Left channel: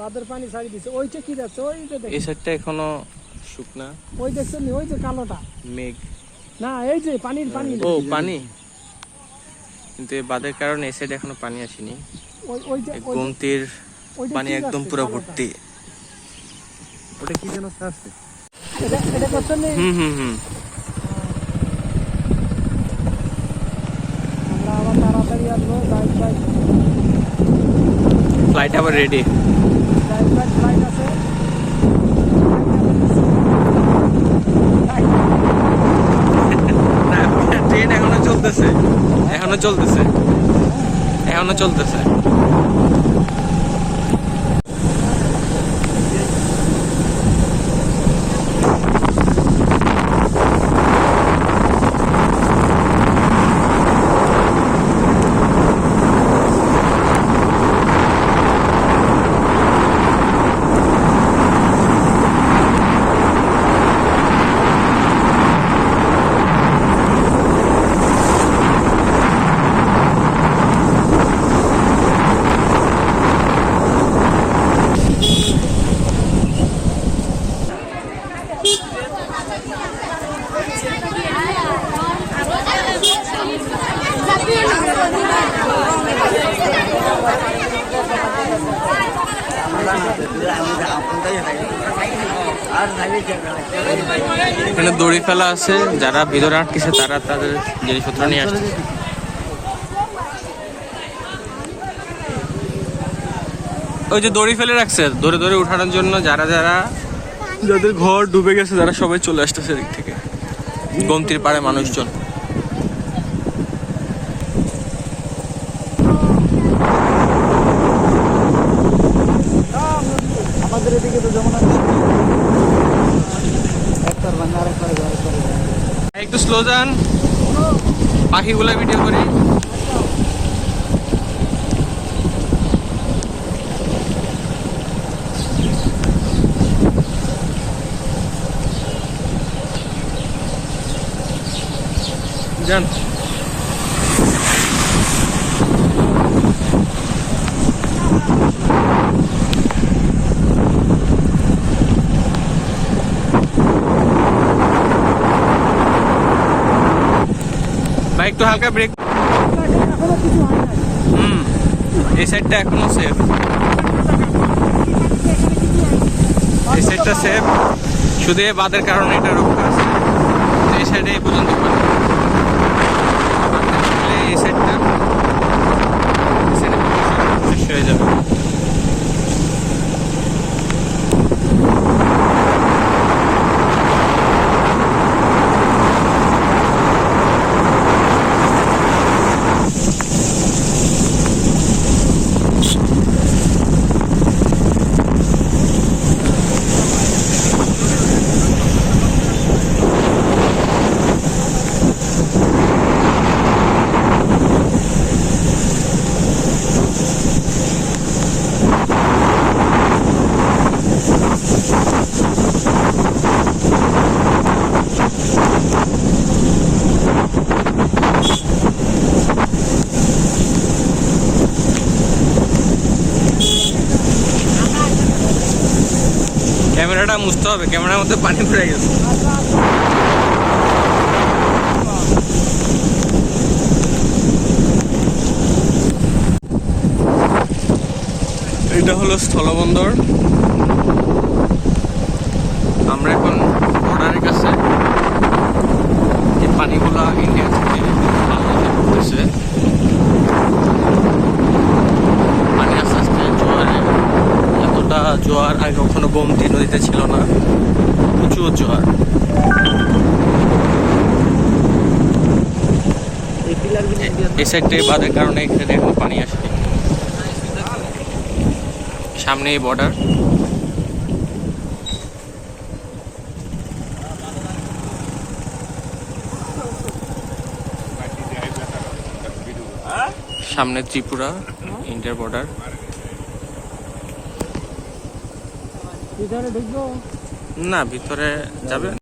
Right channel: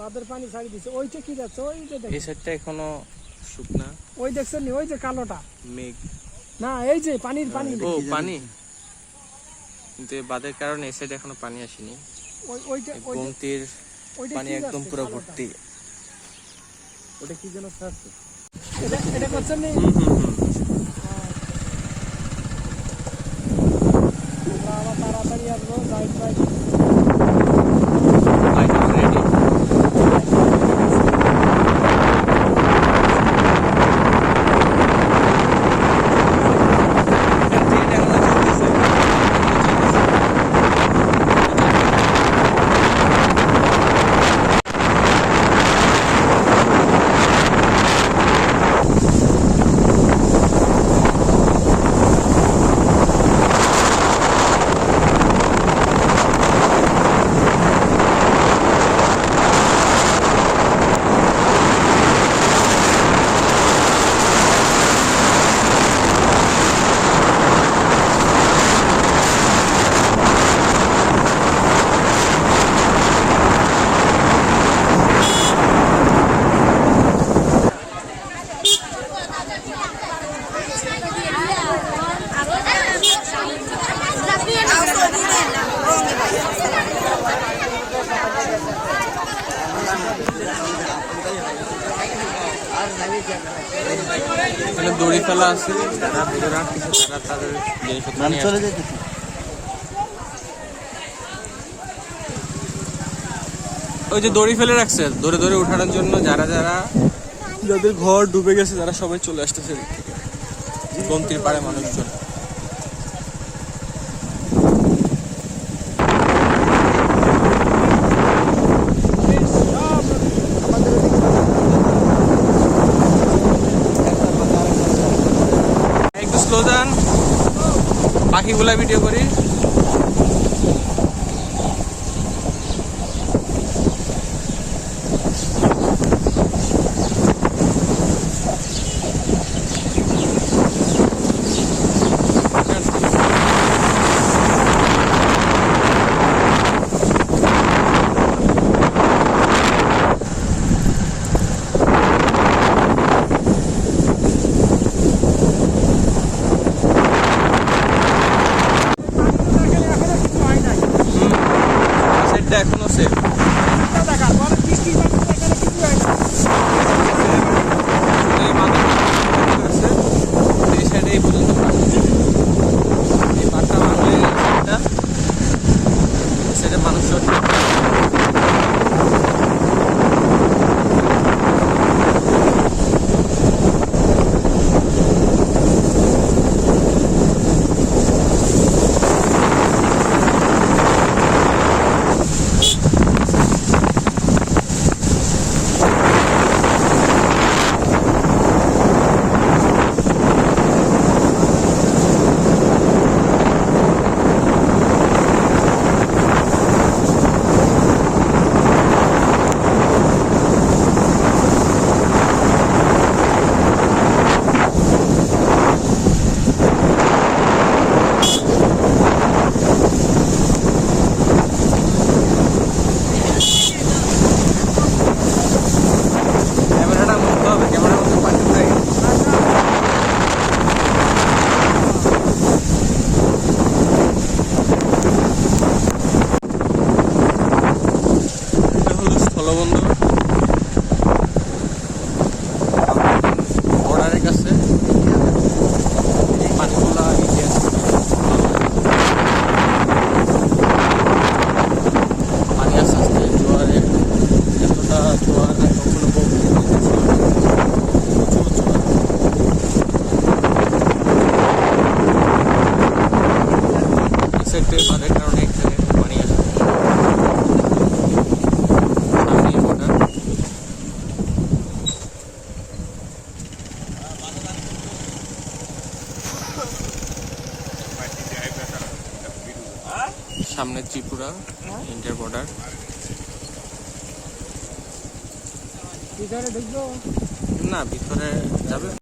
বাঁধের পানি ছাড়ি দিছে। ওইটা কি যাচ্ছে ওই যে এই সাইডটা এখনও শুকনা। ওই দেখছেন নি, ওই যে কালোটা। মেঘ। না এই যে পানির পানি। ও পানি। কিন্তু এই বাদের কারণে এই সাইডে এখনও পানি আসেনি। ওই ওইটা গোমতির পানি একদম পুরো ভর্তি। ওটা কি যেন ছাড়ছে? এটা এটা করছেন হুম হুম হুম। তাড়াতাড়ি আসব যাই ফ্লাইট আবার রেডি এখানে দড়ি ফেলা আছে, যারা ভিতরে আটকেছে তারা তাদের জিনিসপত্র নিয়ে আসছে। ওই যে দড়ি ফেলে রাখছে, ধরে ধরে উঠানোর জন্য যারা যারা যাদের ঘর ডুবে গেছে, তারা সবাই চলে আসতেছে এদিক থেকে। গমতির পাড়ে মানুষজন। একটু স্লো যান। পাখিগুলা ভিডিও করি যান আর একটু হালকা ব্রেক এখানে এখনও কিছু হয় নাই হুম এই সাইডটা এখনও সেফ। এই সাইডটা সেফ শুধু বাঁধের কারণে এটা রক্ষা আছে। এই সাইডে এই পর্যন্ত পানি বাঁধটা খুললে এই সাইডটা এই সাইডে পানি সব চলে যাবে ক্যামেরাটা মুছতে হবে ক্যামেরার মধ্যে পানি পড়ে গেছে। এটা হলো স্থলবন্দর। জোয়ার আগে কখনো গোমতি নদীতে ছিল না। প্রচুর জোয়ার। এই সাইডে বাঁধের কারণে এখানে এখন পানি আসে। সামনে বর্ডার সামনে ত্রিপুরা ইন্ডিয়ার বর্ডার ভিতরে ঢুকবো না ভিতরে যাবে